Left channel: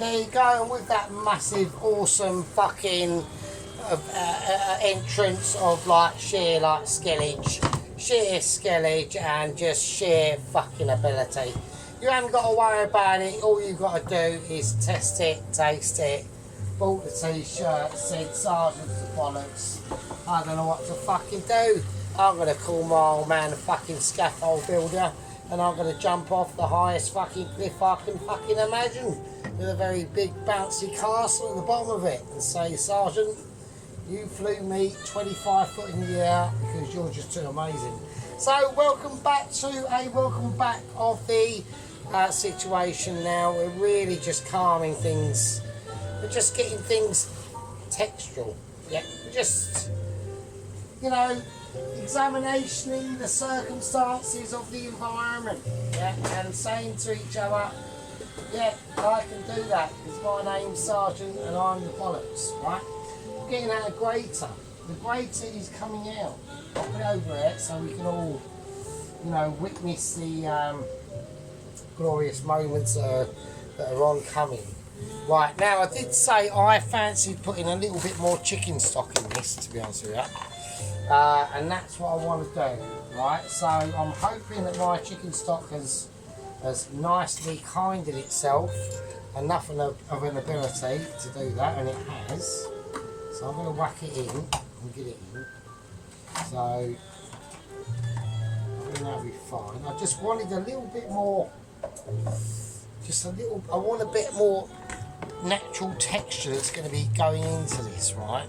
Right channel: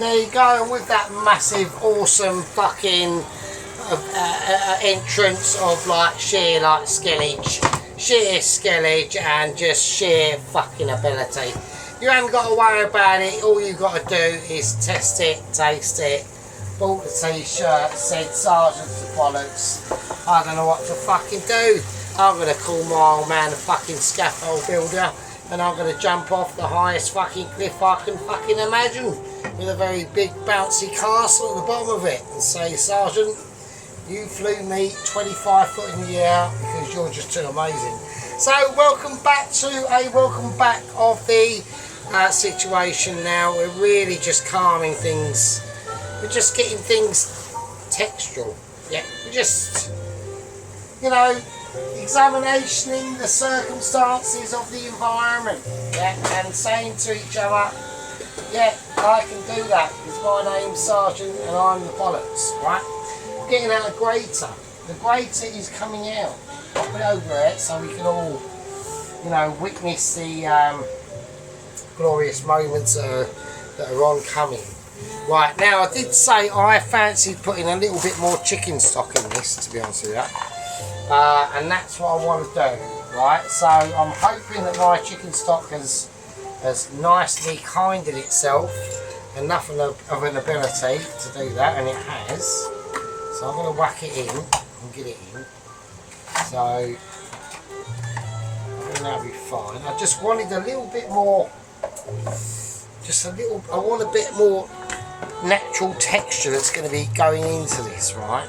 there you go, and with that massive, awesome fucking entrance of like sheer like skillage and just sheer fucking ability. You haven't got to worry about it. All you've got to do is test it, taste it. Bought the t-shirt, said Sergeant's the bollocks. I don't know what to fucking do. I'm going to call my old man a fucking scaffold builder, and I'm going to jump off the highest fucking cliff I can fucking imagine with a very big bouncy castle at the bottom of it and say, Sergeant, you flew me 25 foot in the air because you're just too amazing. So welcome back of the situation now. We're really just calming things. We're just getting things textural. Yeah, we're just, you know, examining the circumstances of the environment. Yeah, and saying to each other, yeah, I can do that because my name's Sergeant and I'm the bollocks, right? Getting out a grater. The grater is coming out. I'll put it over it so we can all, you know, witness the glorious moments that are oncoming. Right, now I did say I fancied putting a little bit more chicken stock in this, to be honest with you. And that's what I want to do, right? So I'm hoping that my chicken stock has nicely kinded itself enough of an ability to do that, and it has. So I'm going to whack it in and get it in. So I think that'll be fine. I just wanted a little bit more, I want a bit more natural texture that's going to be going into this, right?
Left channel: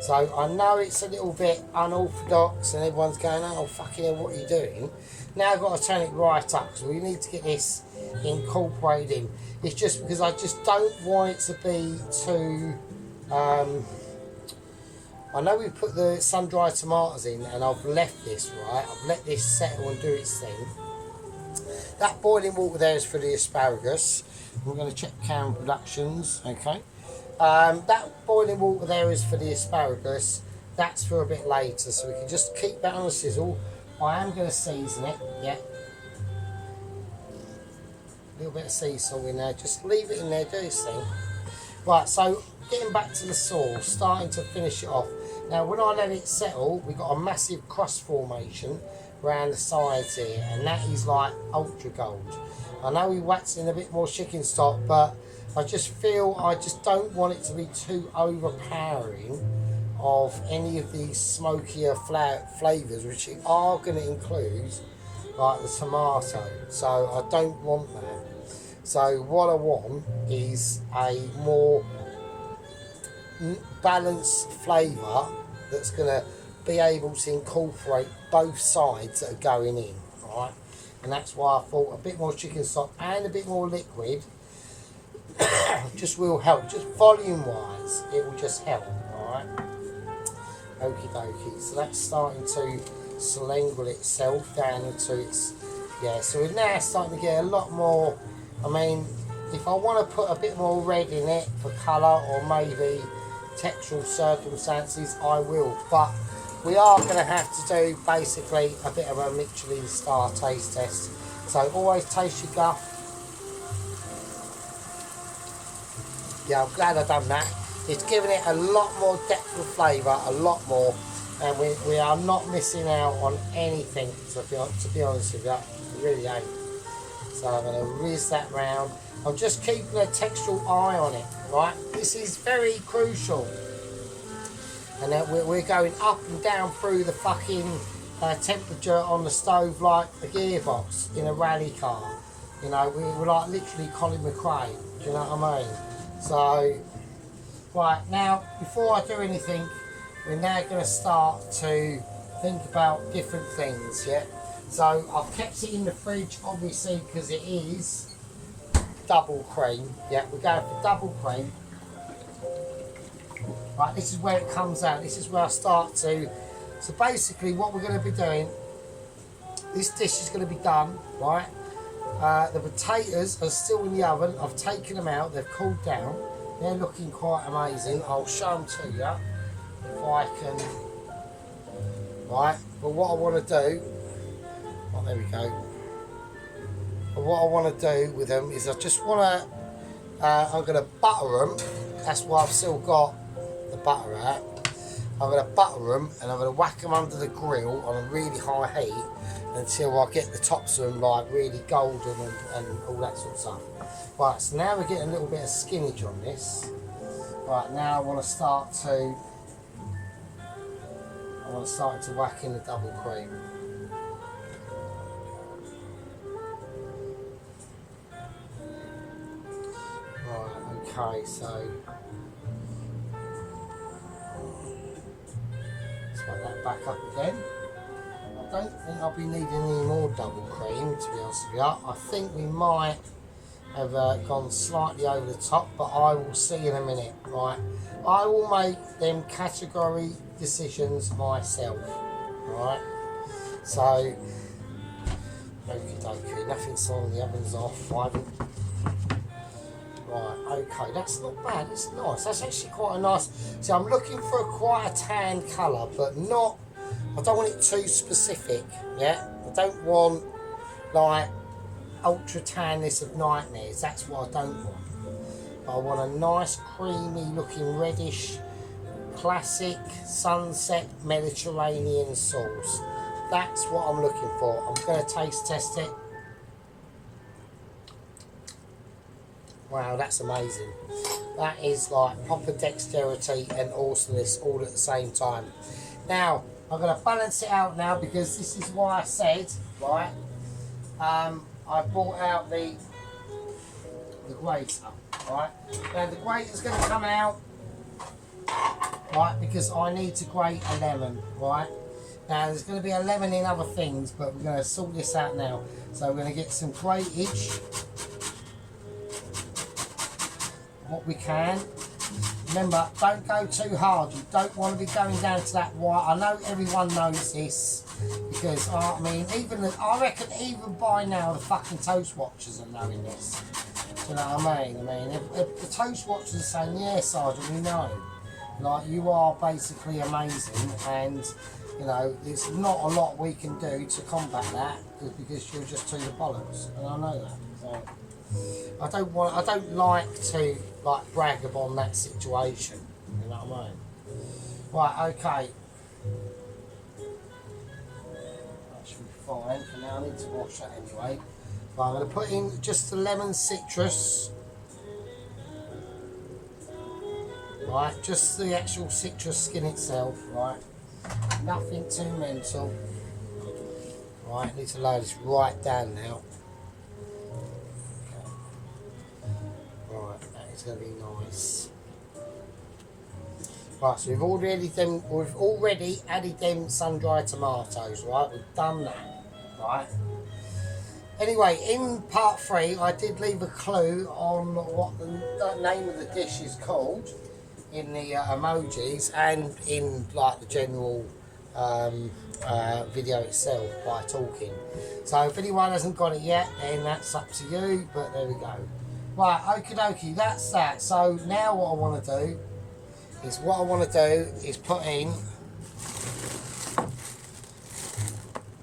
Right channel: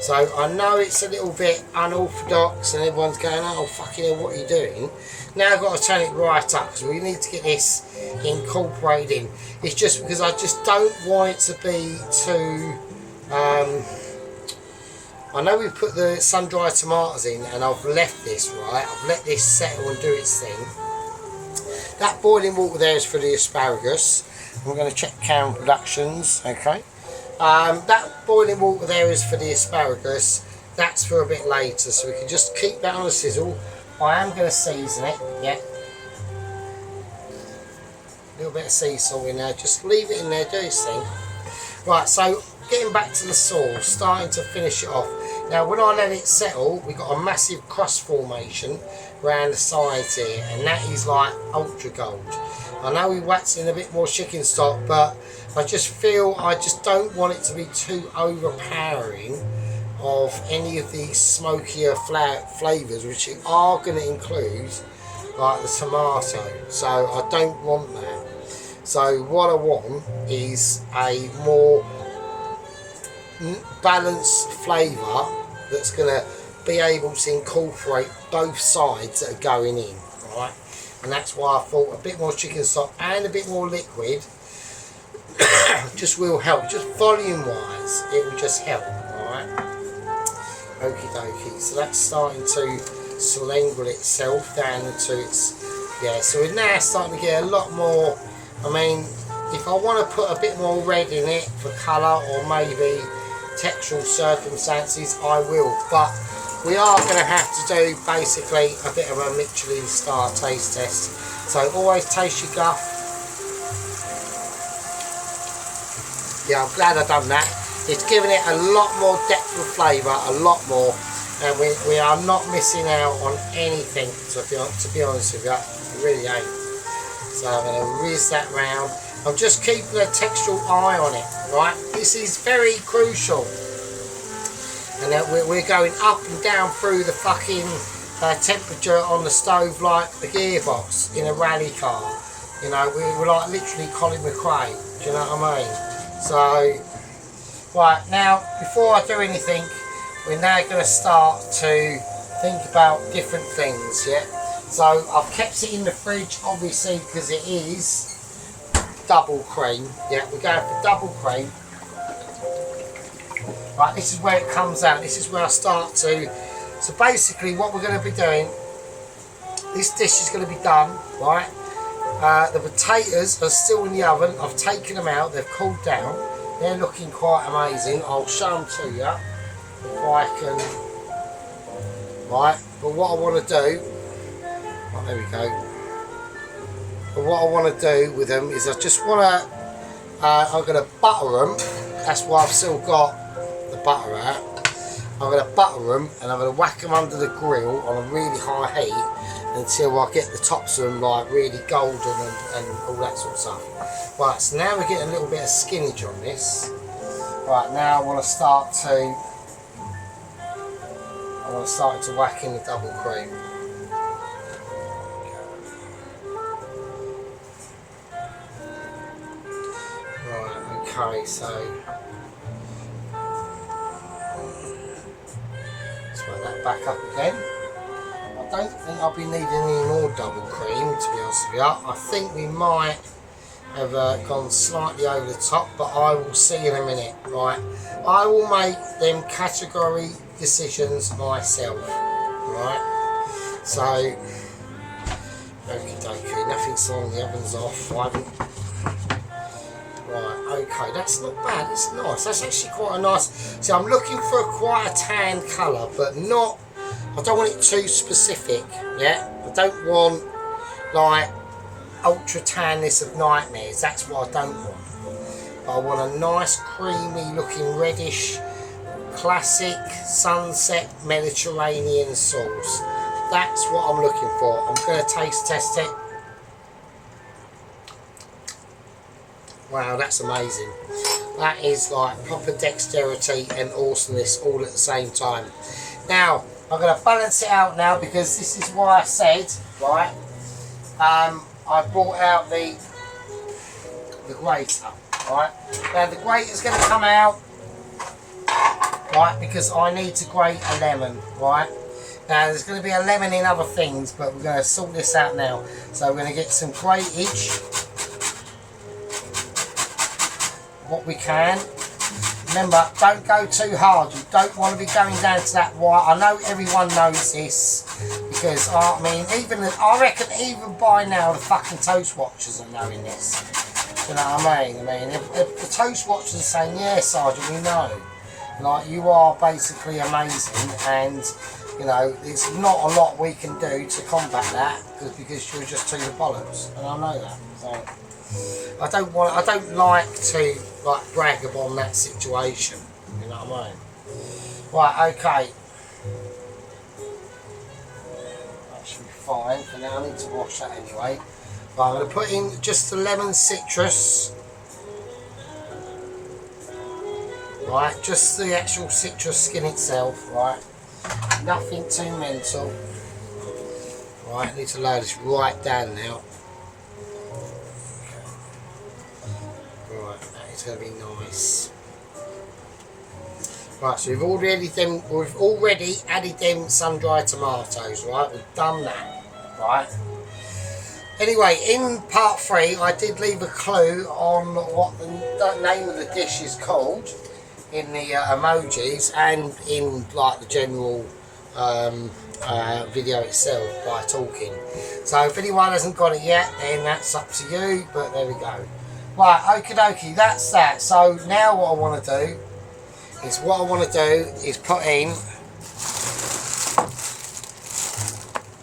So I know it's a little bit unorthodox and everyone's going, oh fucking hell, what are you doing? Now I've got to turn it right up because we need to get this incorporated in. It's just because I just don't want it to be too... I know we've put the sun-dried tomatoes in and I've left this, right? I've let this settle and do its thing. That boiling water there is for the asparagus. I'm going to check Karen Productions, okay? That boiling water there is for the asparagus. That's for a bit later, so we can just keep that on a sizzle. I am going to season it, yeah. A little bit of sea salt in there, just leave it in there, do its thing. Right, so getting back to the sauce, starting to finish it off. Now when I let it settle, we got a massive crust formation around the sides here, and that is like ultra gold. I know we waxed in a bit more chicken stock, but I just feel I just don't want it to be too overpowering of any of these smokier flavours, which are going to include like the tomato. So I don't want that. So what I want is a more balanced flavour that's going to be able to incorporate both sides that are going in, right? And that's why I thought a bit more chicken stock and a bit more liquid just will help. Just volume wise, it will just help, alright? Okie dokie. So that's starting to slangle itself down into its, yeah, so we're now starting to get a lot more. I mean, if I want to put a bit more red in it for colour or maybe textural circumstances, I will, but we are going to have to do basically a bit of a Michelin star taste test. So always taste your guff. Yeah, I'm glad I've done that. It's given it a lot more depth of flavour, a lot more, and we are not missing out on anything, to be honest with you. We really ain't. So I'm going to whiz that round. I'm just keeping a textural eye on it, right? This is very crucial. And then we're going up and down through the fucking temperature on the stove like the gearbox in a rally car. You know, we're like literally Colin McRae. Do you know what I mean? So, right, now, before I do anything, we're now going to start to think about different things, yeah? So, I've kept it in the fridge, obviously, because it is double cream. Yeah, we're going for double cream. Right, this is where it comes out. This is where I start to... So basically what we're going to be doing, this dish is going to be done, right? The potatoes are still in the oven. I've taken them out. They've cooled down. They're looking quite amazing. I'll show them to you if I can. Right, but what I want to do... Oh, there we go. But what I want to do with them is I just want to I'm going to butter them. That's why I've still got the butter out. I'm going to butter them and I'm going to whack them under the grill on a really high heat until I get the tops of them like really golden and all that sort of stuff. Right, so now we're getting a little bit of skinnage on this. Right, now I want to start to whack in the double cream. Right, okay, so let's put that back up again. I don't think I'll be needing any more double cream, to be honest with you. I think we might have gone slightly over the top, but I will see in a minute. Right, I will make them category decisions myself. Right, so okie dokie, nothing's on, the oven's off. Right, okay, that's not bad, it's nice. That's actually quite a nice. See, I'm looking for quite a tan colour, but not. I don't want it too specific. Yeah, I don't want like ultra tanness of nightmares. That's what I don't want. I want a nice creamy looking reddish classic sunset Mediterranean sauce. That's what I'm looking for. I'm going to taste test it. Wow, that's amazing. That is like proper dexterity and awesomeness all at the same time. Now I'm going to balance it out now, because this is why I said, right, I brought out the grater. Right, now the grater's going to come out, right, because I need to grate a lemon. Right, now there's going to be a lemon in other things, but we're going to sort this out now. So we're going to get some gratage, what we can. Remember, don't go too hard. You don't want to be going down to that white. I know everyone knows this, because I mean, I reckon even by now the fucking toast watchers are knowing this. You know what I mean? If the toast watchers are saying, yeah, Sergeant, we know. Like, you are basically amazing, and you know, there's not a lot we can do to combat that, because you're just too the bollocks, and I know that. So I don't like to like brag upon that situation. You know what I mean? Right, okay. That should be fine for now. I need to wash that anyway. Right, I'm going to put in just the lemon citrus. Right, just the actual citrus skin itself. Right, nothing too mental. Right, I need to lower this right down now. Right, that is going to be nice. Right, so we've already added them sun-dried tomatoes. Right, we've done that. Right. Anyway, in part 3, I did leave a clue on what the name of the dish is called in the emojis and in like the general video itself by talking. So if anyone hasn't got it yet, then that's up to you. But there we go. Right, okie dokie, that's that. So now what I want to do is put in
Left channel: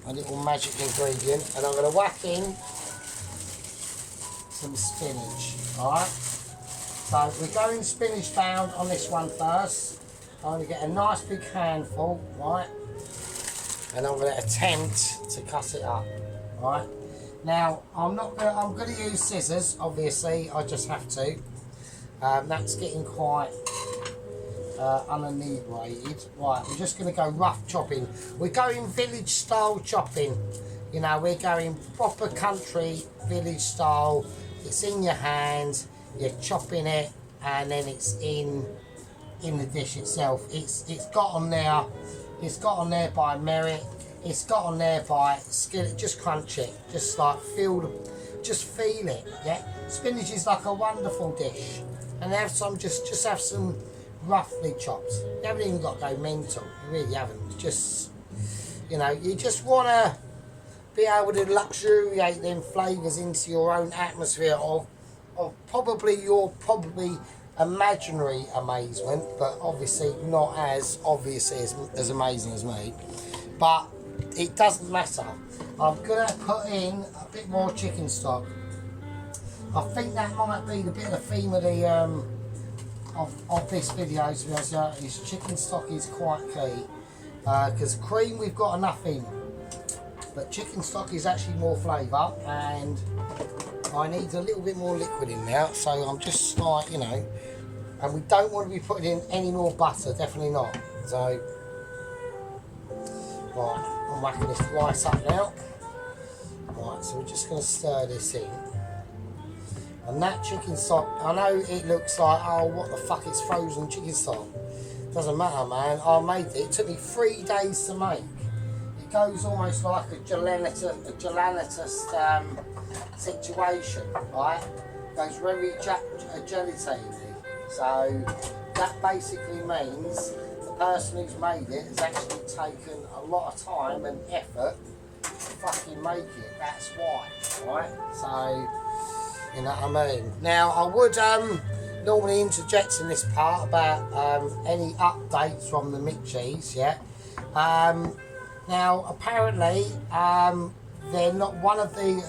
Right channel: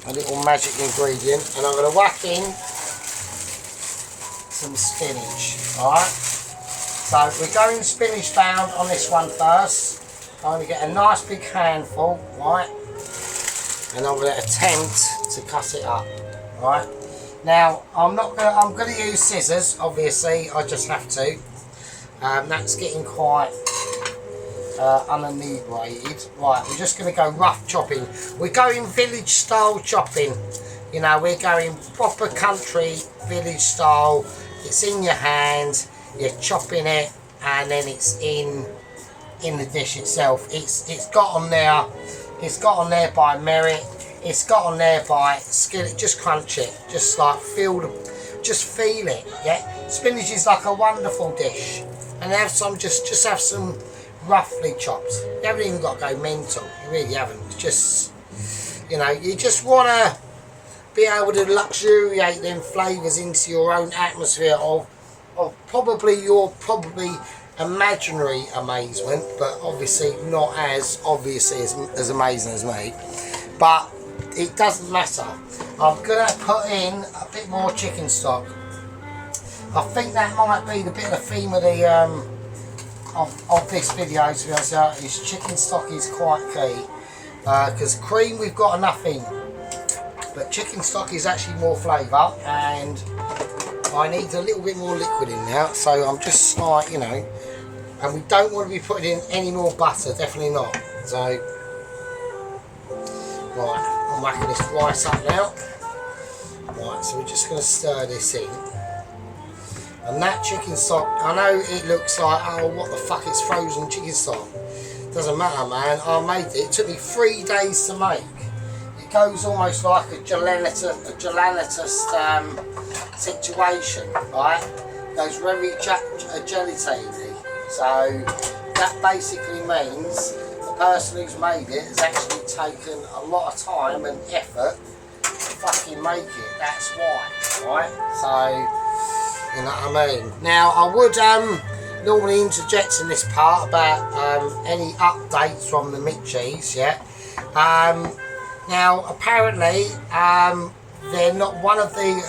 a little magic ingredient, and I'm going to whack in some spinach. Alright, so we're going spinach bound on this one first. I'm going to get a nice big handful, right, and I'm going to attempt to cut it up. Right, now I'm going to use scissors, obviously. I just have to. That's getting quite uninebrated. Right, we're just going to go rough chopping. We're going village style chopping. You know, we're going proper country village style. It's in your hand, you're chopping it, and then it's in the dish itself. It's got on there. It's got on there by merit. It's got on there by skill. Just crunch it. Just like feel it. Yeah. Spinach is like a wonderful dish, and have some. Just have some roughly chopped. You haven't even got to go mental. You really haven't. It's just, you know, you just want to be able to luxuriate them flavours into your own atmosphere of probably your imaginary amazement, but obviously not as obviously as amazing as me. But it doesn't matter. I'm going to put in a bit more chicken stock. I think that might be the bit of the theme of the of this video, to be honest. Is chicken stock is quite key, because cream we've got nothing, but chicken stock is actually more flavour, and I need a little bit more liquid in now. So I'm just like, you know, and we don't want to be putting in any more butter, definitely not. So right, I'm whacking this rice up now. Right, so we're just going to stir this in. And that chicken stock, I know it looks like, oh, what the fuck, it's frozen chicken stock. Doesn't matter, man. I made it. It took me 3 days to make. It goes almost like a gelatinous situation, right? It goes very gelatine-y. So that basically means the person who's made it has actually taken a lot of time and effort to fucking make it. That's why, right? So, you know what I mean? Now, I would normally interject in this part about any updates from the meat cheese, yeah? Now, apparently, they're not one of the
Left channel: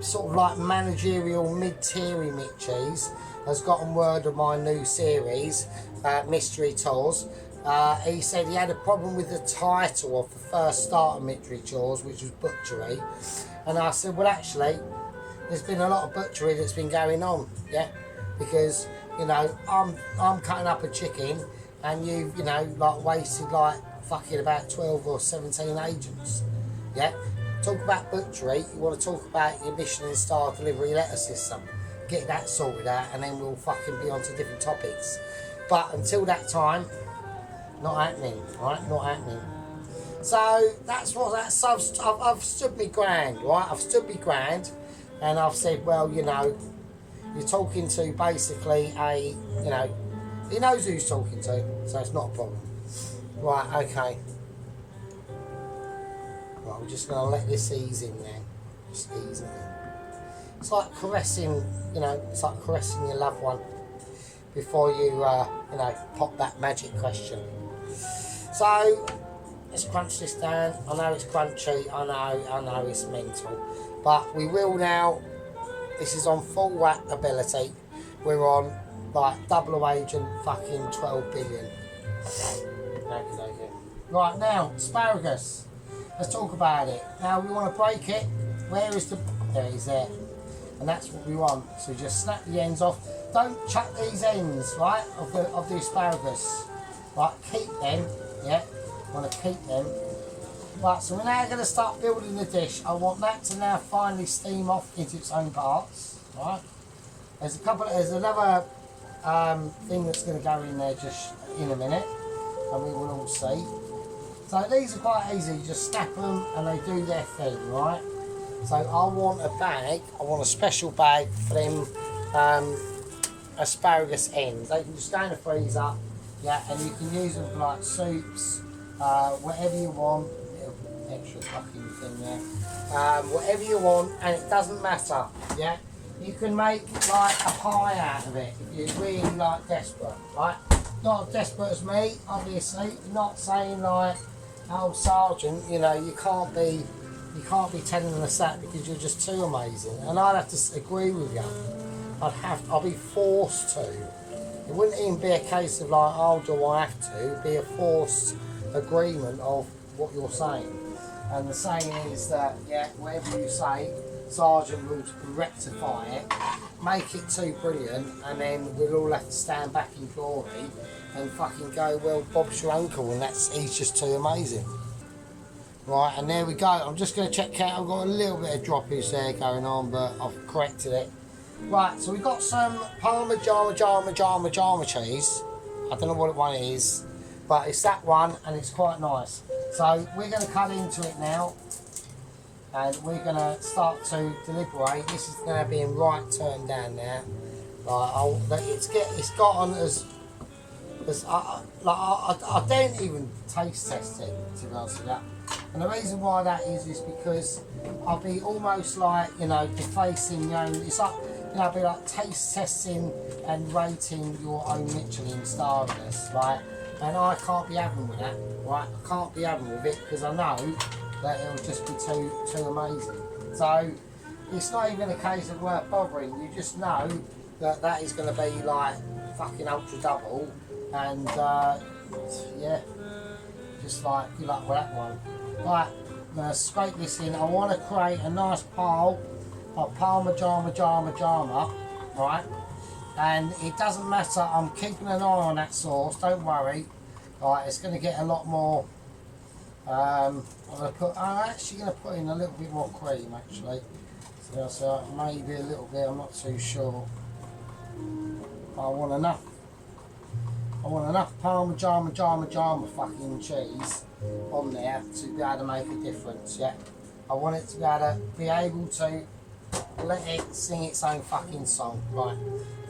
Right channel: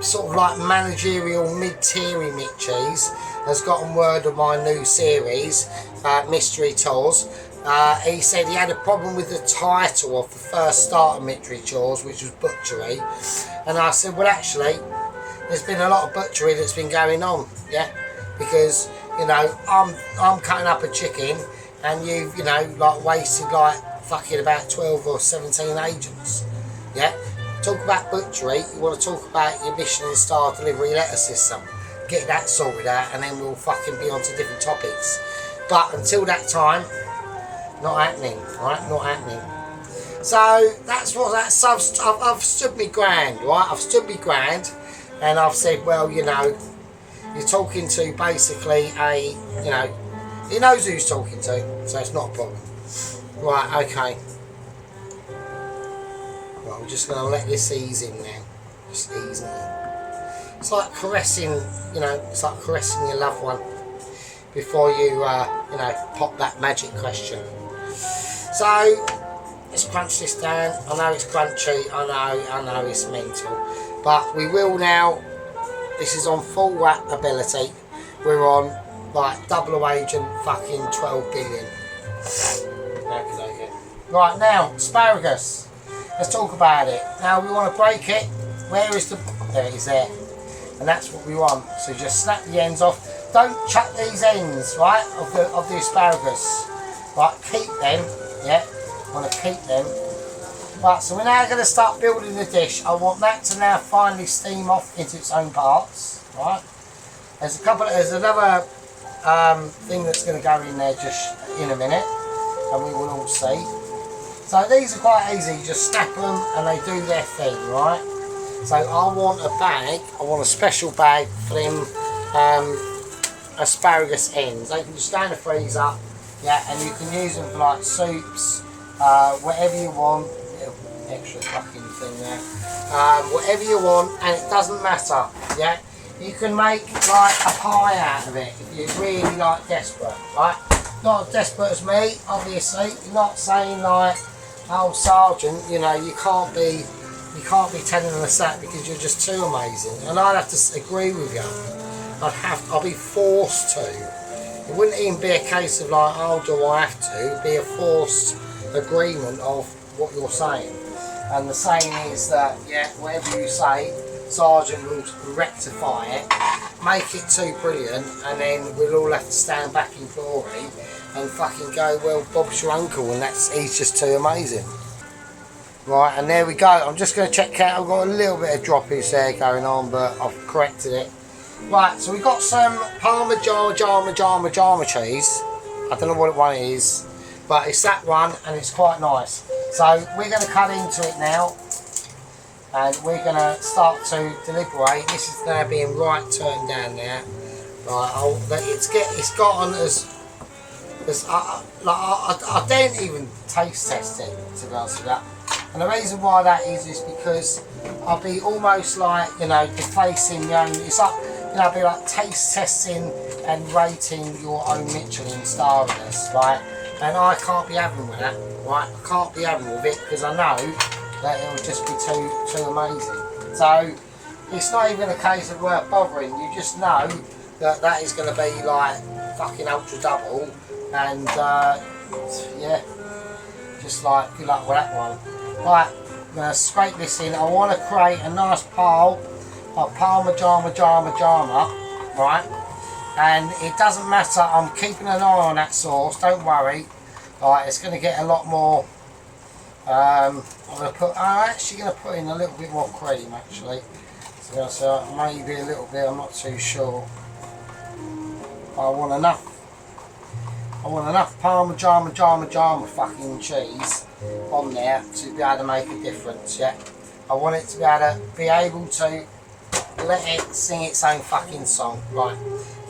sort of like managerial mid-tiery meat cheese has gotten word of my new series, Mystery Tours. He said he had a problem with the title of the first start of Mystery Tours, which was Butchery. And I said, well, actually, there's been a lot of butchery that's been going on, yeah, because, you know, I'm cutting up a chicken, and you've, you know, like wasted like fucking about 12 or 17 agents, yeah. Talk about butchery, you want to talk about your Michelin star delivery letter system, get that sorted out, and then we'll fucking be on to different topics. But until that time, not happening, right? Not happening. So that's what I've stood me ground, right? I've stood me ground. And I've said, well, you know, you're talking to basically a, you know, he knows who he's talking to, so it's not a problem. Right, okay. Right, we're just going to let this ease in now. Just ease in. It's like caressing, you know, it's like caressing your loved one before you, you know, pop that magic question. So, let's crunch this down. I know it's crunchy, I know it's mental. But we will now, this is on full whack ability, we're on like double agent fucking 12 billion. Right, now, asparagus. Let's talk about it. Now we want to break it. Where is the, there it is there. And that's what we want. So just snap the ends off. Don't chuck these ends, right, of the asparagus. Right, keep them, yeah, want to keep them. Right, so we're now going to start building the dish. I want that to now finally steam off into its own parts, right? There's another thing that's going to go in there just in a minute, and we will all see. So these are quite easy, just snap them and they do their thing, right? So I want a bag, I want a special bag for them asparagus ends. They can just go in the freezer, yeah, and you can use them for like soups, whatever you want. Extra fucking thing there. Whatever you want, and it doesn't matter, yeah? You can make like a pie out of it if you're really like desperate, right? Not as desperate as me, obviously. You're not saying like, oh Sergeant, you know, you can't be telling us that because you're just too amazing. And I'd have to agree with you. I'll be forced to. It wouldn't even be a case of like, oh, do I have to? It'd be a forced agreement of what you're saying. And the saying is that, yeah, whatever you say, Sergeant will rectify it, make it too brilliant, and then we'll all have to stand back in glory and fucking go, well, Bob's your uncle, and he's just too amazing. Right, and there we go. I'm just going to check out. I've got a little bit of droppage there going on, but I've corrected it. Right, so we've got some Parma cheese. I don't know what one it is, but it's that one, and it's quite nice. So we're going to cut into it now, and we're going to start to deliberate. This is now being right turned down now. Right, it's gotten as I don't even taste test it, to be honest with that. And the reason why that is because I'll be almost like, you know, defacing your own. It's like, you know, I'll be like taste testing and rating your own Michelin starness, right? And I can't be having with that, right? I can't be having with it because I know that it will just be too amazing. So, it's not even a case of worth bothering. You just know that that is going to be like fucking ultra double, and yeah, just like good luck with that one. Right, I'm going to scrape this in. I want to create a nice pile of Parmigiano Reggiano, right? And it doesn't matter, I'm keeping an eye on that sauce, don't worry. Right, it's going to get a lot more. I'm actually going to put in a little bit more cream actually. So maybe a little bit, I'm not too sure. I want enough Parmigiano fucking cheese on there to be able to make a difference, yeah. I want it to be able to let it sing its own fucking song. Right,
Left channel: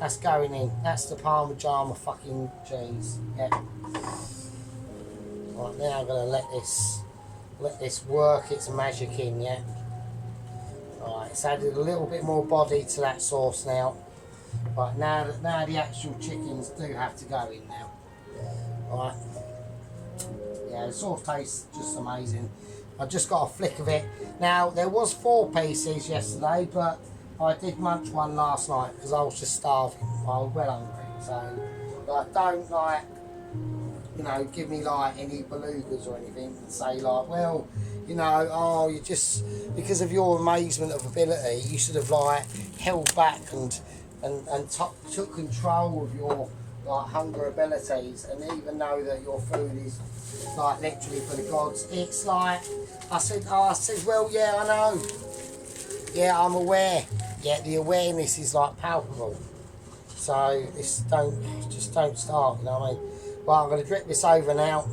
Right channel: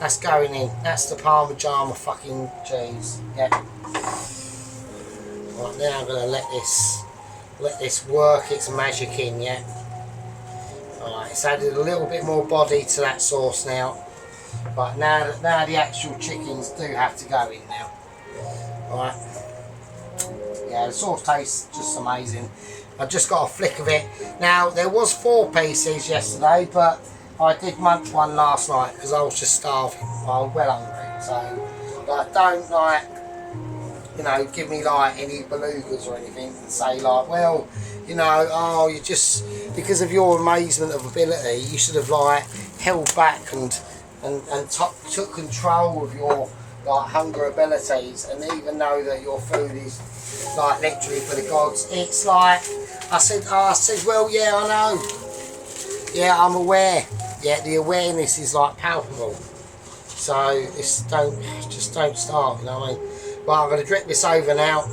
that's going in. That's the Parmigiano fucking cheese, yeah. Right, now I'm gonna let this work its magic in, yeah. Alright, it's added a little bit more body to that sauce now. Right, now the actual chickens do have to go in now. Right. Yeah, the sauce tastes just amazing. I've just got a flick of it. Now, there was 4 pieces yesterday, but I did munch one last night because I was just starving. I was well hungry. So, like, don't, like, you know, give me, like, any belugas or anything and say, like, well, you know, oh, you just, because of your amazement of ability, you should have, like, held back and took control of your, like, hunger abilities, and even know that your food is, like, literally for the gods. It's like, I said, well, yeah, I know. Yeah, I'm aware. Yeah, the awareness is, like, palpable. So, just don't start, you know what I mean? Well, I'm going to drip this over now.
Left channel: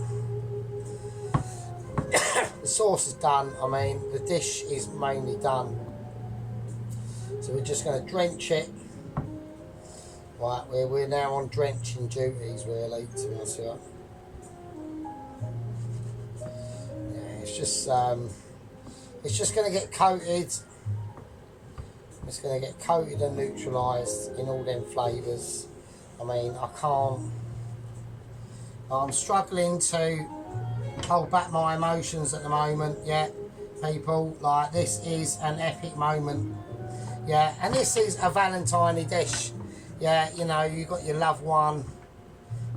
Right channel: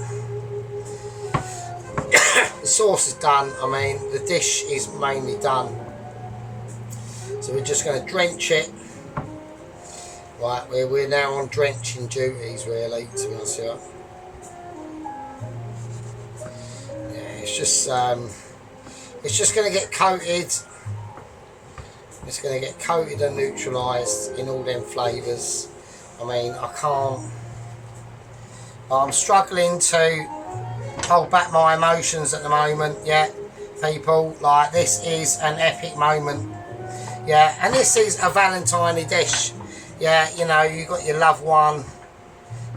The sauce is done. I mean, the dish is mainly done. So we're just going to drench it. Right, we're now on drenching duties, really, to be honest with you. Yeah, it's just going to get coated. It's going to get coated and neutralised in all them flavours. I mean, I can't. I'm struggling to hold back my emotions at the moment. Yeah, people, like, this is an epic moment. Yeah, and this is a Valentine dish. Yeah, you know, you got your loved one,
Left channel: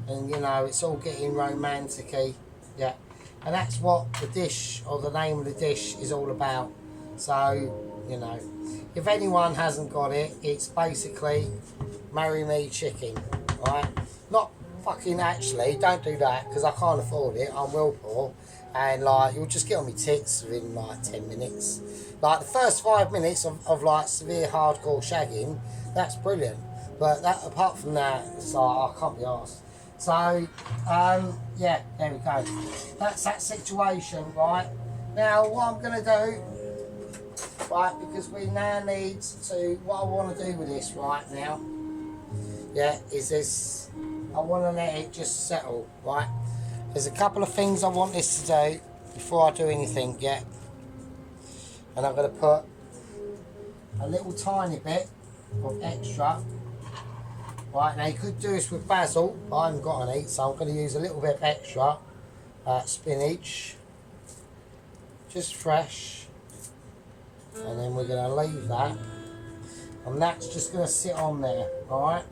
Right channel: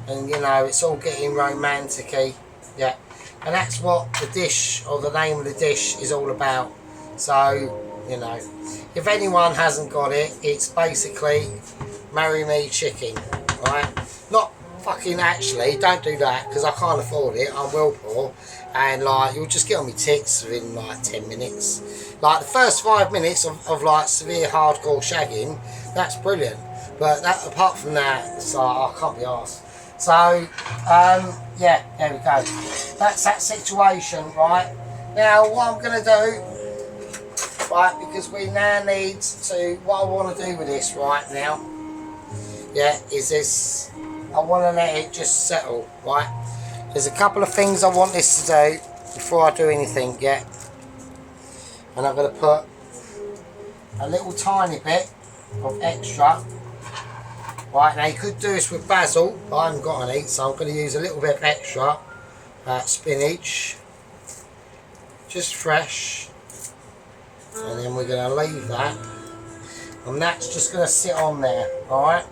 and you know, it's all getting romantic-y. Yeah, and that's what the dish, or the name of the dish, is all about. So, you know, if anyone hasn't got it, it's basically Marry Me Chicken, right? Not fucking actually, don't do that, because I can't afford it. I'm well poor, and like, you'll just get on my tits within like 10 minutes. Like the first 5 minutes of like severe hardcore shagging, that's brilliant. But that, apart from that, it's like, I can't be arsed. So, yeah, there we go. That's that situation, right? Now, what I'm going to do, right, because we now need to, what I want to do with this right now, yeah, is this, I want to let it just settle, right? There's a couple of things I want this to do before I do anything, yeah? And I'm going to put a little tiny bit of extra. Right, now you could do this with basil, but I haven't got any, so I'm going to use a little bit of extra spinach, just fresh, and then we're going to leave that, and that's just going to sit on there, alright?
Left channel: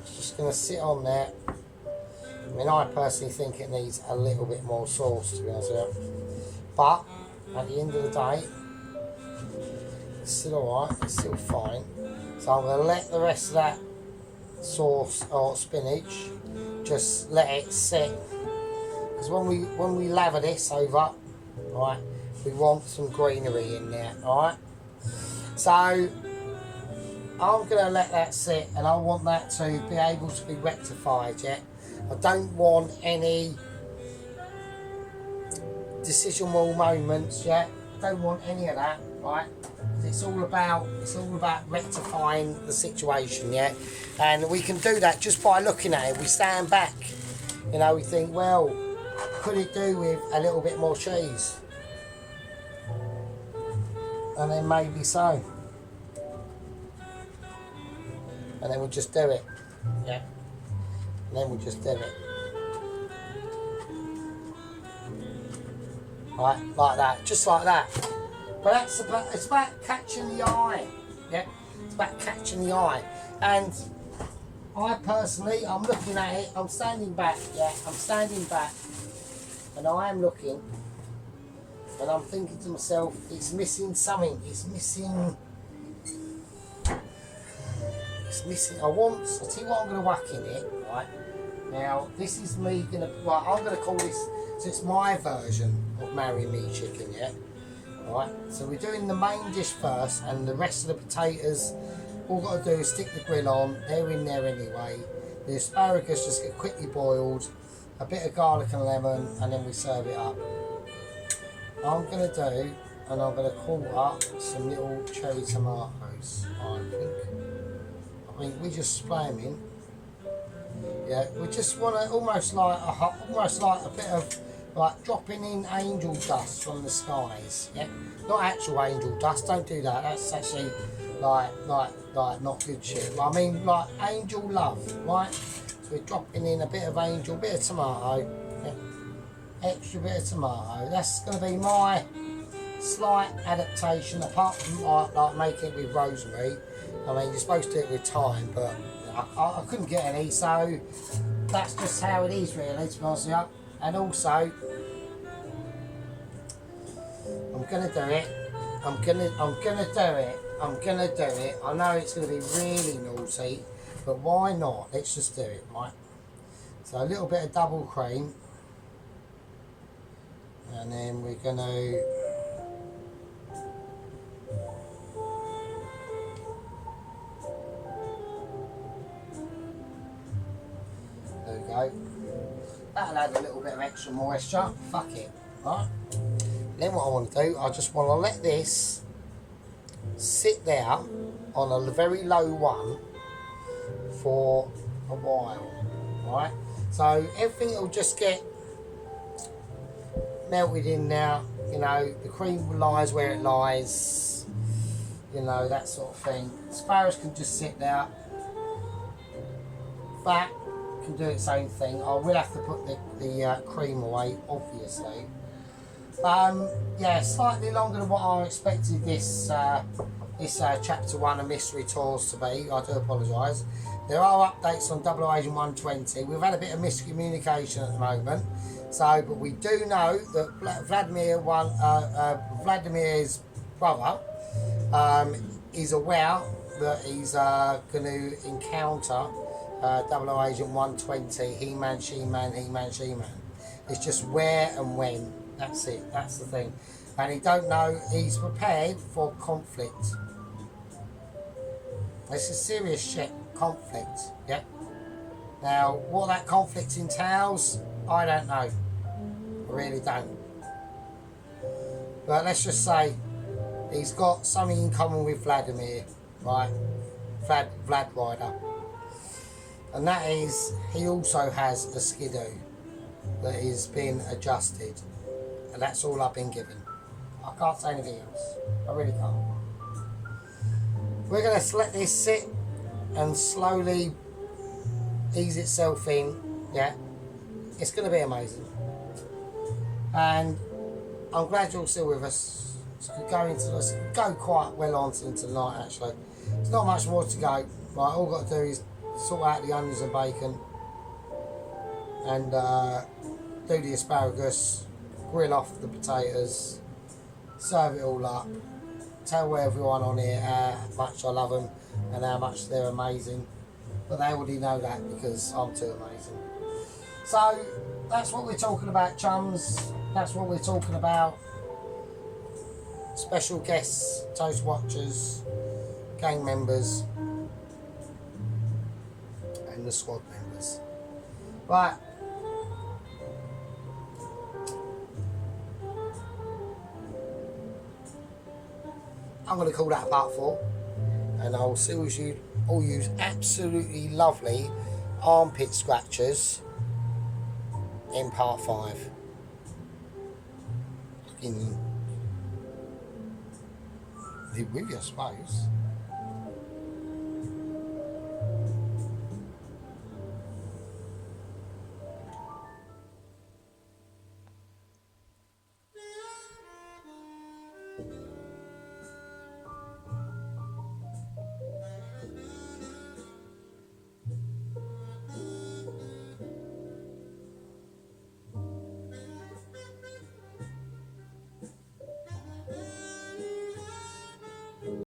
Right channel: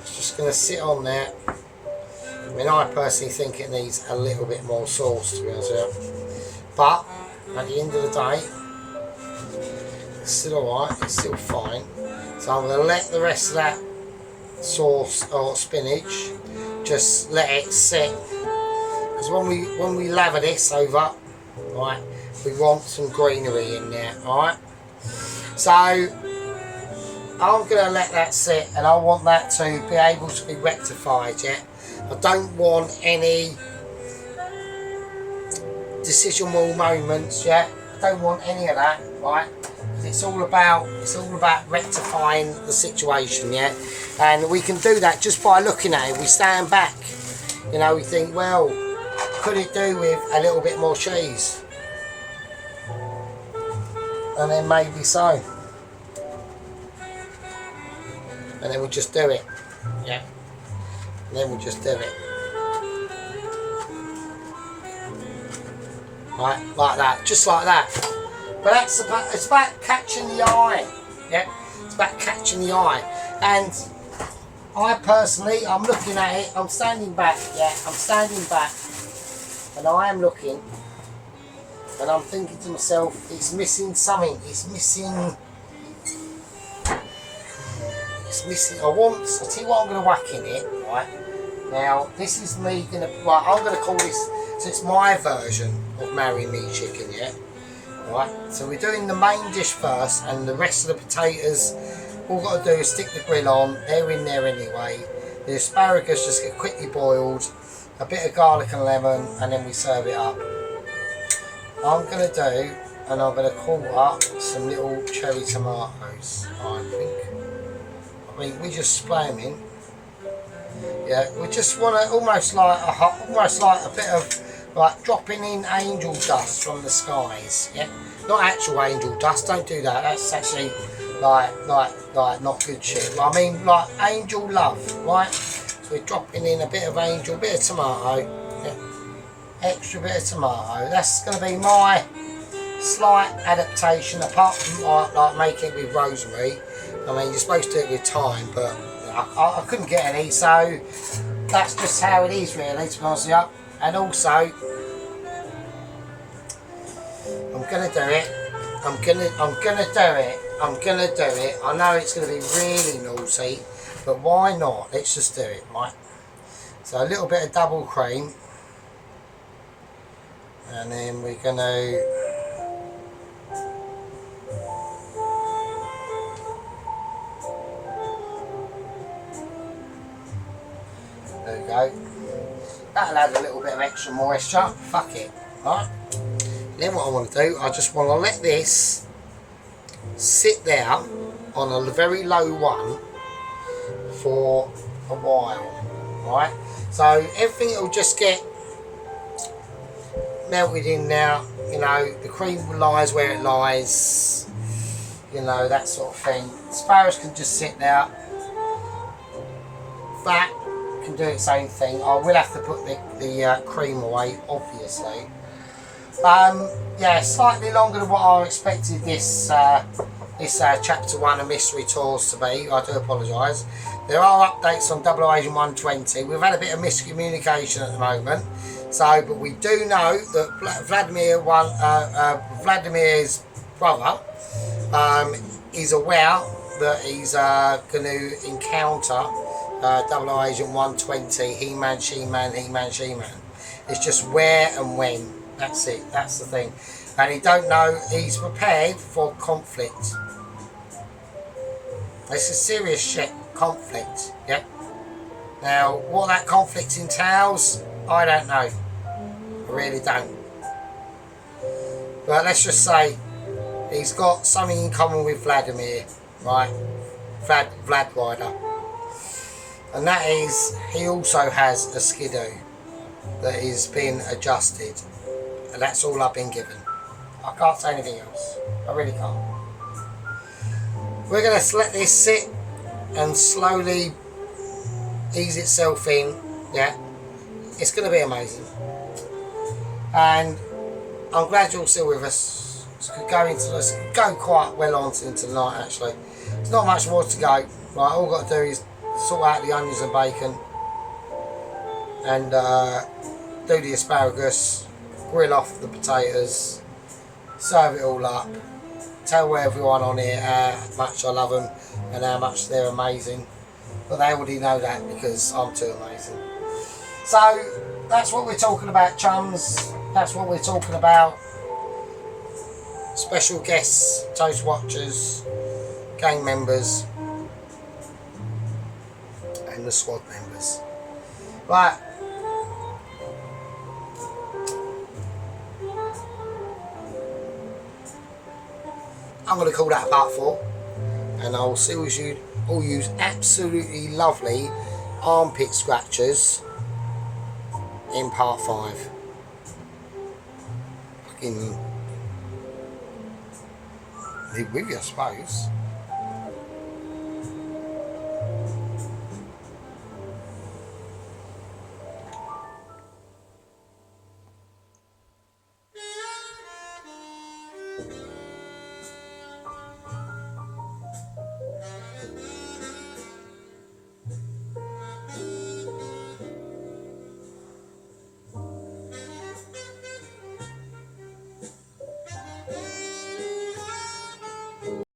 It's just going to sit on there. I mean, I personally think it needs a little bit more sauce, to be honest with you, but at the end of the day, it's still alright, it's still fine. So I'm going to let the rest of that sauce or spinach, just let it sit. Because when we lather this over, right, we want some greenery in there, alright? So I'm going to let that sit, and I want that to be able to be rectified, yeah? I don't want any decisional moments, yeah? I don't want any of that, right? It's all about rectifying the situation, yeah. And we can do that just by looking at it. We stand back, you know. We think, well, could it do with a little bit more cheese? And then maybe so. And then we just do it, yeah. And then we just do it. right, like that, just like that. But it's about catching the eye, yeah. It's about catching the eye, and I personally, I'm looking at it. I'm standing back, yeah. I'm standing back, and I am looking, and I'm thinking to myself, it's missing something. It's missing. It's missing. I tell you what I'm going to whack in it, right? Now, this is me going to, right, I'm going to call this, so it's my version of Marry Me Chicken, yeah? Right, so we're doing the main dish first, and the rest of the potatoes, all we've got to do is stick the grill on, they're in there anyway. The asparagus just get quickly boiled, a bit of garlic and lemon, and then we serve it up. I'm going to do, and I'm going to call up some little cherry tomatoes, I think. I mean, we just spray them in. Yeah, we just want to almost like a bit of like dropping in angel dust from the skies. Yeah, not actual angel dust. Don't do that. That's actually like not good shit. But I mean like angel love, right? So we're dropping in a bit of angel, bit of tomato. Yeah, extra bit of tomato. That's going to be my slight adaptation, apart from like making it with rosemary. I mean, you're supposed to do it with thyme, but I couldn't get any, so that's just how it is, really, to be honest with you. And also, I'm gonna do it. I'm gonna do it. I know it's gonna be really naughty, but why not? Let's just do it, right? So a little bit of double cream, and then we're gonna. There we go. That'll add a little bit of extra moisture. Fuck it. Right? Then what I want to do, I just want to let this sit there on a very low one for a while. Right? So everything will just get melted in now. You know, the cream lies where it lies. You know, that sort of thing. Asparagus can just sit there. That can do its own thing. I will have to put the cream away, obviously. Yeah, slightly longer than what I expected this chapter 1 of Mystery Tours to be. I do apologise. There are updates on 00 120. We've had a bit of miscommunication at the moment. So, but we do know that Vladimir's brother is aware that he's going to encounter Double Agent 120, He-Man, She-Man, He-Man, She-Man. It's just where and when. That's it. That's the thing. And he don't know. He's prepared for conflict. This is serious shit. Conflict. Yeah. Now, what that conflict entails, I don't know. I really don't. But let's just say he's got something in common with Vladimir, right? Vlad Rider. And that is, he also has a skidoo that is being adjusted. And that's all I've been given. I can't say anything else. I really can't. We're going to let this sit and slowly ease itself in. Yeah. It's going to be amazing. And I'm glad you're still with us. Let's go quite well on into the night, actually. There's not much more to go. Right, all I've got to do is sort out the onions and bacon and do the asparagus, grill off the potatoes, serve it all up, tell everyone on here how much I love them and how much they're amazing, but they already know that because I'm too amazing. So that's what we're talking about, chums. That's what we're talking about. Special guests, Toast Watchers, gang members and the squad members. Right. I'm going to call that part 4, and I'll see you all use absolutely lovely armpit scratchers in part 5. Fucking live with you, I suppose.